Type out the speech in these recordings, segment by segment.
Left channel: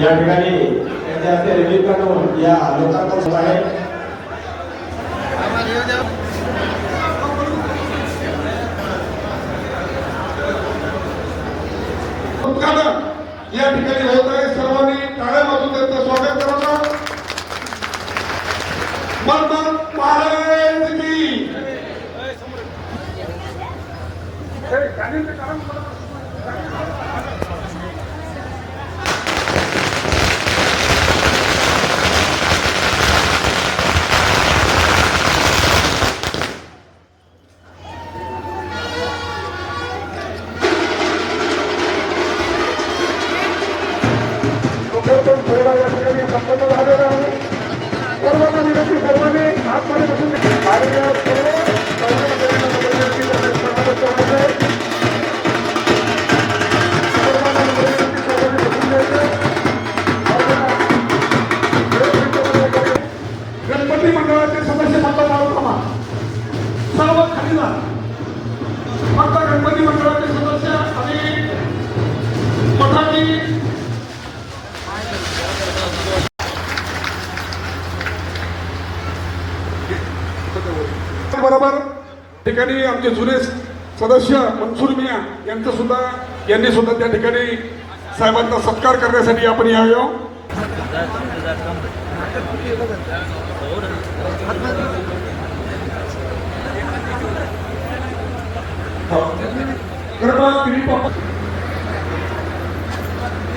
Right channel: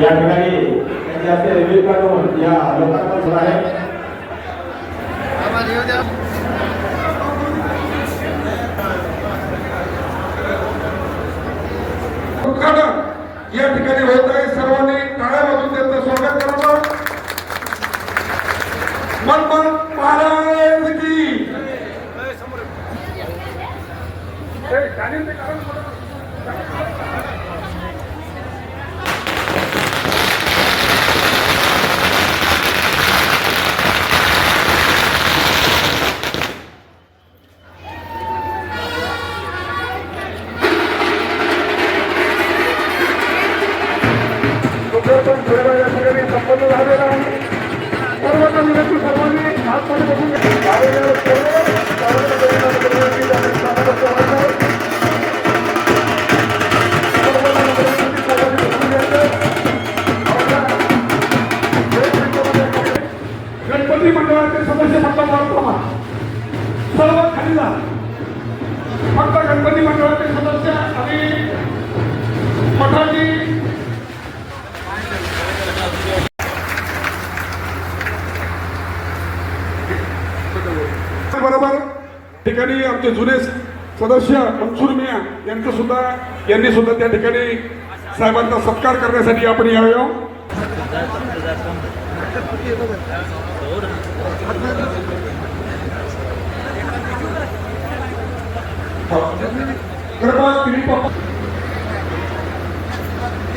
या ठिकाणी त्यांचे हस्ते रिलीफ करून या लोकांना सुरू आहे. उद्घाटन या ठिकाणी होत आहे. सर्वांनी टाळ्या वाजवून त्यांचं स्वागत करावं. मनमोहन महाराज की संपन्न झालेला आहे. सर्वांना विनंती, सर्वांनी आतमध्ये बसून गणपती मंडळाचे सदस्य फक्त मारताना सर्व खाली जा. फक्त गणपती मंडळाचे सदस्य आणि मठाची बरोबर ठिकाणी आमचे जुने सदस्य मनसूर मिया यांनी सुद्धा त्या ठिकाणी साहेबांचा सत्कार करण्यासाठी आपण यावे.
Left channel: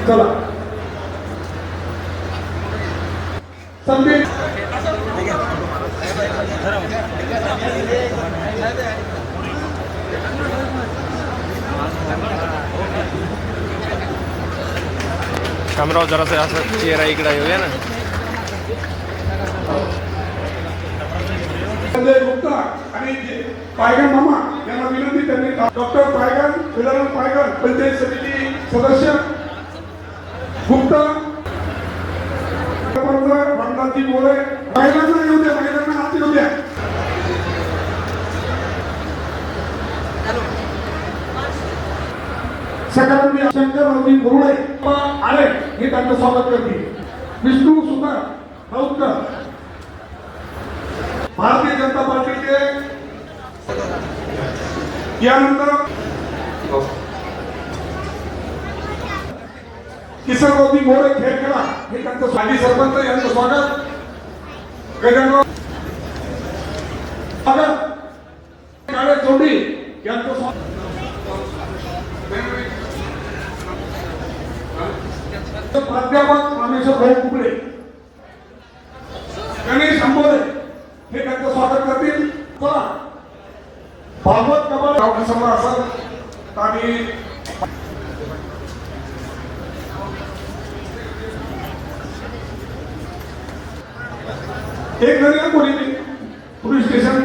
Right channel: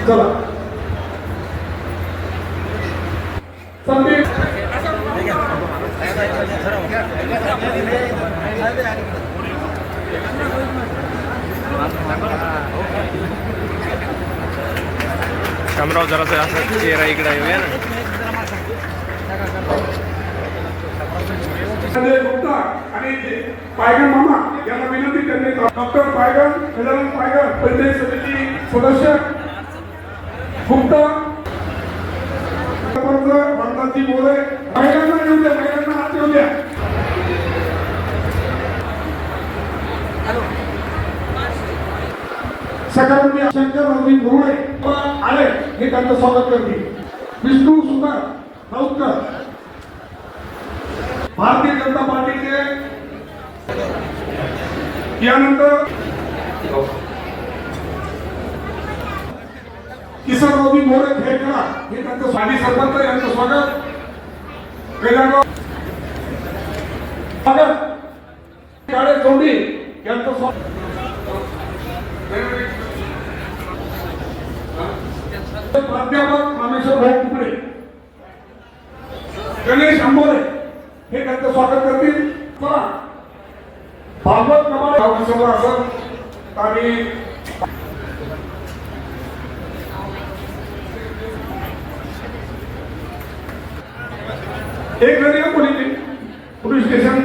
चला संदीप शामराव जरासा असं चेहरा इकडे येऊया ना. गुप्ता आणि पायगन मामा यांना विनंती करणे. डॉक्टर पायगन, गजानन पायगन, पंचायत समिती सदस्य गुप्ता, भंडारजी बोळे, महिलांना येऊ द्या, महिलांना आत येऊ द्या. सकाळी शंकर गुरुळे आले हे त्यांचं स्वागत करते. विष्णू सुंदर राऊतकर भारतीय जनता पार्टीचे, यानंतर किसनरावजी मोरे खेळकेला हे त्यांचं माजी सरपंच यांचं स्वागत. गजानन काळे चौंडी यांचं स्वागत. प्राध्यापक रामेश्वर भाऊ कुकडे, गणेश आंबोरे हे त्यांचं स्वागत करतील. चला भागवत कबा समोर असत आणि एक घरी पोलीस स्टेशन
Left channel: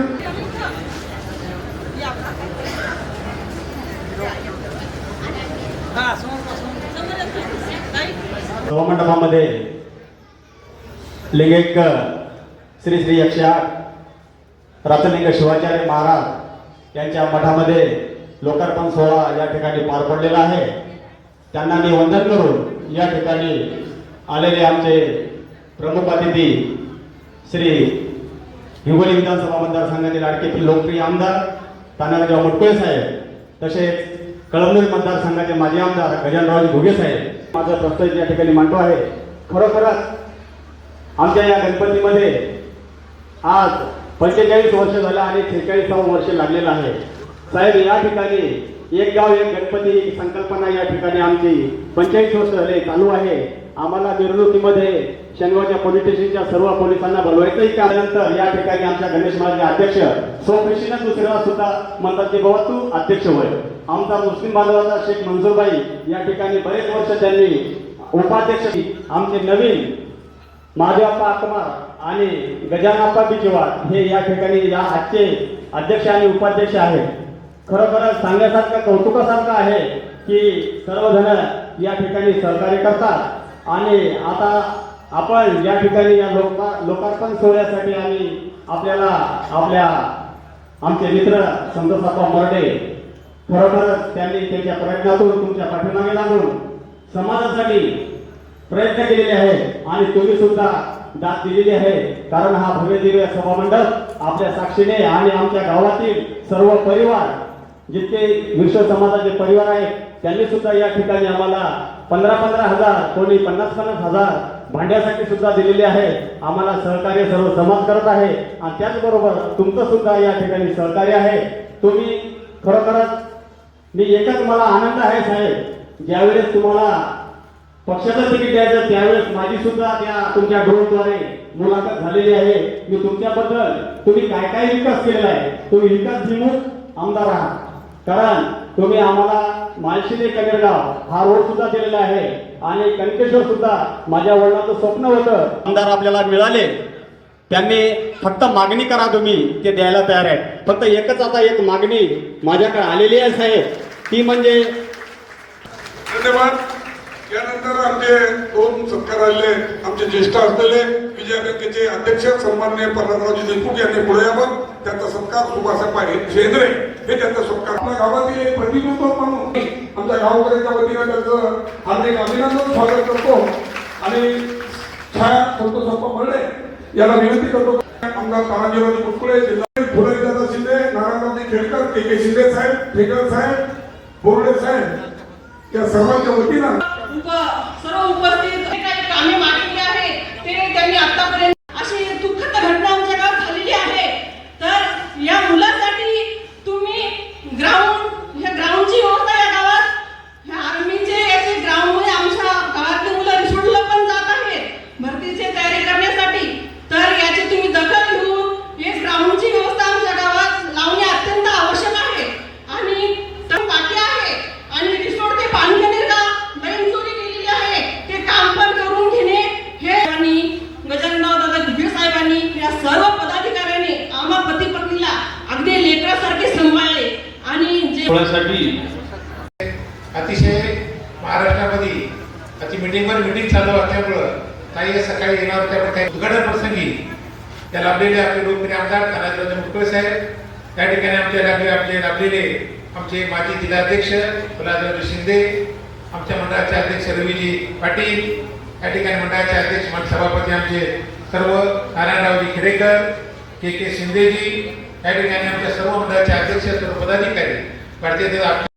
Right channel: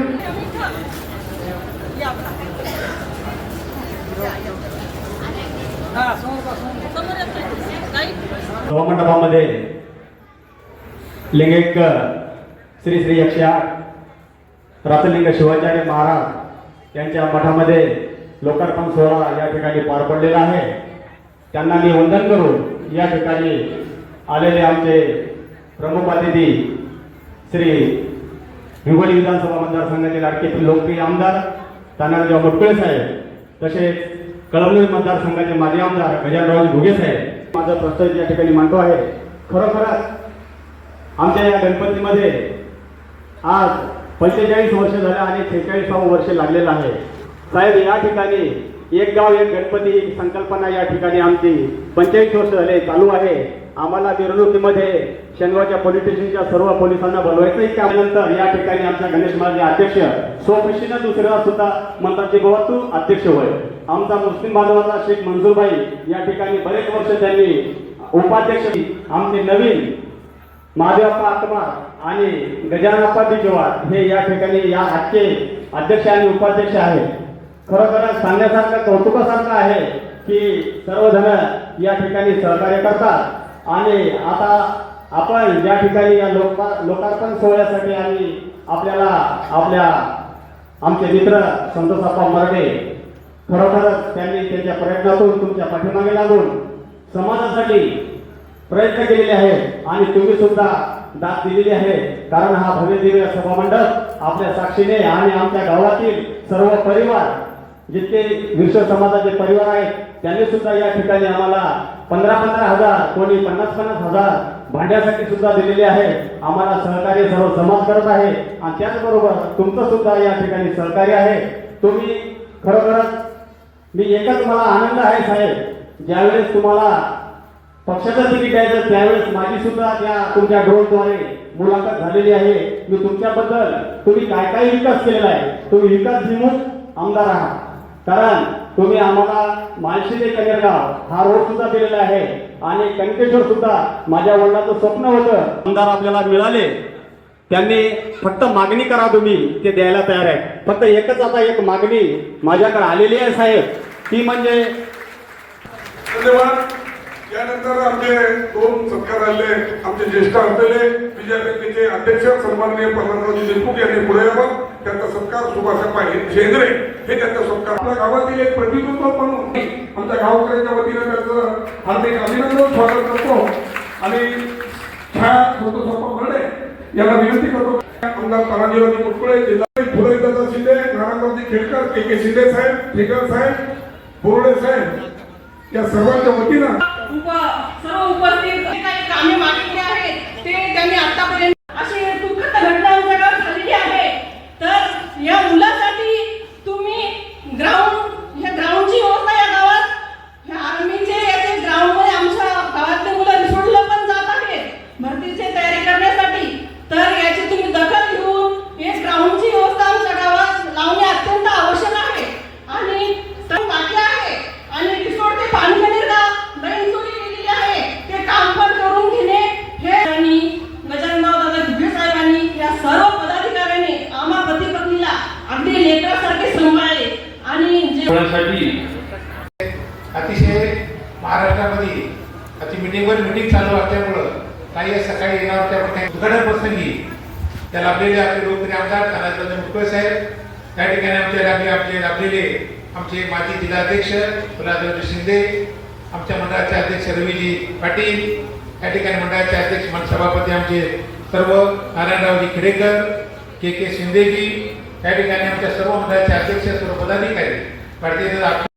सभामंडपामध्ये लिंगैक श्री श्री 108 रातलिंग शिवाचार्य महाराज यांच्या मठामध्ये लोकार्पण सोहळा या ठिकाणी पार पडलेला आहे. त्यांना मी वंदन करून या ठिकाणी आलेले आमचे प्रमुख अतिथी श्री हिंगोली विधानसभा मतदारसंघातील लाडके लोकप्रिय आमदार तानाजीराव मुटकुळे साहेब, तसेच कळमनुरी मतदारसंघाचे माजी आमदार गजाननरावजी घुगे साहेब माझं प्रस्ताव या ठिकाणी मांडतो आहे. खरोखरच आमच्या या गणपतीमध्ये आज 45 वर्ष झाले आणि 46वावं वर्ष लागलेलं आहे. साहेब, या ठिकाणी एक गाव एक गणपती ही संकल्पना या ठिकाणी आमची 45 वर्ष झाले चालू आहे. आम्हाला मिरवणुकीमध्ये शनिवारच्या पोलीस स्टेशनच्या सर्व पोलिसांना बोलवायचंही. त्यानंतर या ठिकाणी आमच्या गणेश महाराज अध्यक्ष स्वखुशीनं दुसऱ्याला सुद्धा म्हणतात की बाबा तू अध्यक्ष होय. आमचा मुस्लिम बांधवाचा शेख मंजूरबाई या ठिकाणी बरेच वर्ष त्यांनी उपाध्यक्ष. आमचे नवीन महादेवप्पा आत्मार आणि गजानप्पा बिजवार हे या ठिकाणी या आजचे अध्यक्ष आणि उपाध्यक्ष आहेत. खरोखरच सांगण्यासारखं कौतुकासारखं आहे की सर्वजण या ठिकाणी सहकार्य करतात आणि आता आपण या ठिकाणी या लोकार्पण सोहळ्यासाठी आणि आपल्या आमचे मित्र संतोषाप्पा मर्डे खरोखरच त्यांनी त्यांच्या प्रयत्नातून तुमच्या पाठीमागे लागून समाजासाठी प्रयत्न केलेले आहे आणि तुम्ही सुद्धा दाद दिलेली आहे. कारण हा भव्य दिव्य सभामंडप आपल्या साक्षीने आणि आमच्या गावातील सर्व परिवार जितके विश्व समाजाचे परिवार आहेत त्यांनी सुद्धा या ठिकाणी आम्हाला 15,000 कोणी 50,000 भांड्यासाठी सुद्धा दिलेले आहे. आम्हाला सहकार्य सर्व समाज करत आहे आणि त्याचबरोबर तुमचं सुद्धा या ठिकाणी सहकार्य आहे. तुम्ही खरोखरच मी एकच मला आनंद आहे साहेब, ज्यावेळेस तुम्हाला पक्षाचं तिकीट द्यायचं त्यावेळेस माझी सुद्धा त्या तुमच्या ड्रोनद्वारे मुलाखत झालेली आहे. मी तुमच्याबद्दल तुम्ही काय काय विकास केलेला आहे, तुम्ही विकासभिमुख आमदार आहात. कारण तुम्ही आम्हाला माळशी ते कनेरगाव हा रोड सुद्धा दिलेला आहे आणि कणकेश्वर सुद्धा माझ्या वडिलांचं स्वप्न होतं. आमदार आपल्याला मिळाले, त्यांनी फक्त मागणी करा, तुम्ही ते द्यायला तयार आहे. फक्त एकच आता एक मागणी माझ्याकडे आलेली आहे साहेब, ती म्हणजे धन्यवाद. यानंतर आमचे 2 सत्कार आले. आमचे ज्येष्ठ असलेले विजय बँकेचे अध्यक्ष सन्माननीय पवाररावजी देशमुख यांनी पुढे यावं. त्यांचा सत्कार सुभाष शेंद्रे हे त्यांचा सत्कार. आपल्या गावातील एक प्रतिनिधित्व म्हणून आमच्या गावकऱ्यांच्या वतीने त्यांचं हार्दिक अभिनंदन स्वागत करतो आणि छाया संतोषप्पा भरडे याला विनंती करतो. आमदार तानाजीराव कुटकुळे, जिल्हा फुलदादा शिंदे, नारायणरावजी खेडकर, के शिंदे साहेब, ठेकर साहेब, बोर्डे साहेब या सर्वांच्या वतीनं सर्व उपस्थित काही कामे मागितली आहेत ते त्यांनी आतापर्यंत अशी दुःखद घटना आमच्या गावात झालेली आहे. तर या मुलासाठी तुम्ही हे ग्राउंडची व्यवस्था या गावात आर्मीचे याचे ग्राउंडमुळे आमच्या गावातले मुलं सोडलं पण जात आहेत भरतीची तयारी करण्यासाठी. तर याची तुम्ही दखल घेऊन हे ग्राउंडची व्यवस्था आमच्या गावात लावणे अत्यंत आवश्यक आहे. आणि बाकी आहे आणि रिसोड ते पाणीकनेरगाव दैनचोरी केलेली आहे ते काम पण करून घेणे हे आणि गजाननराव दादा घुगे साहेबांनी या सर्व पदाधिकाऱ्यांनी आम्हा पती पत्नीला अगदी लेकरासारखे सांभाळले आणि जे अतिशय महाराष्ट्रामध्ये अति मीटिंगवर मीटिंग चालू असल्यामुळं काही सकाळी येणार होत्या, पण काही दुर्घटना प्रसंगी त्या लाभलेले आपले लोकप्रिय आमदार तानाजीराव मुटकुळे साहेब, त्या ठिकाणी आपले लाभलेले आमचे माजी जिल्हाध्यक्ष फुलदादा शिंदे, आमच्या मंडळाचे अध्यक्ष रवीजी पाटील, त्या ठिकाणी मंडळाचे अध्यक्ष सभापती आमचे सर्व नारायणरावजी खेडेकर, के शिंदेजी, त्या ठिकाणी आमच्या सर्व मंडळाचे अध्यक्ष सर्व पदाधिकारी भारतीय जनता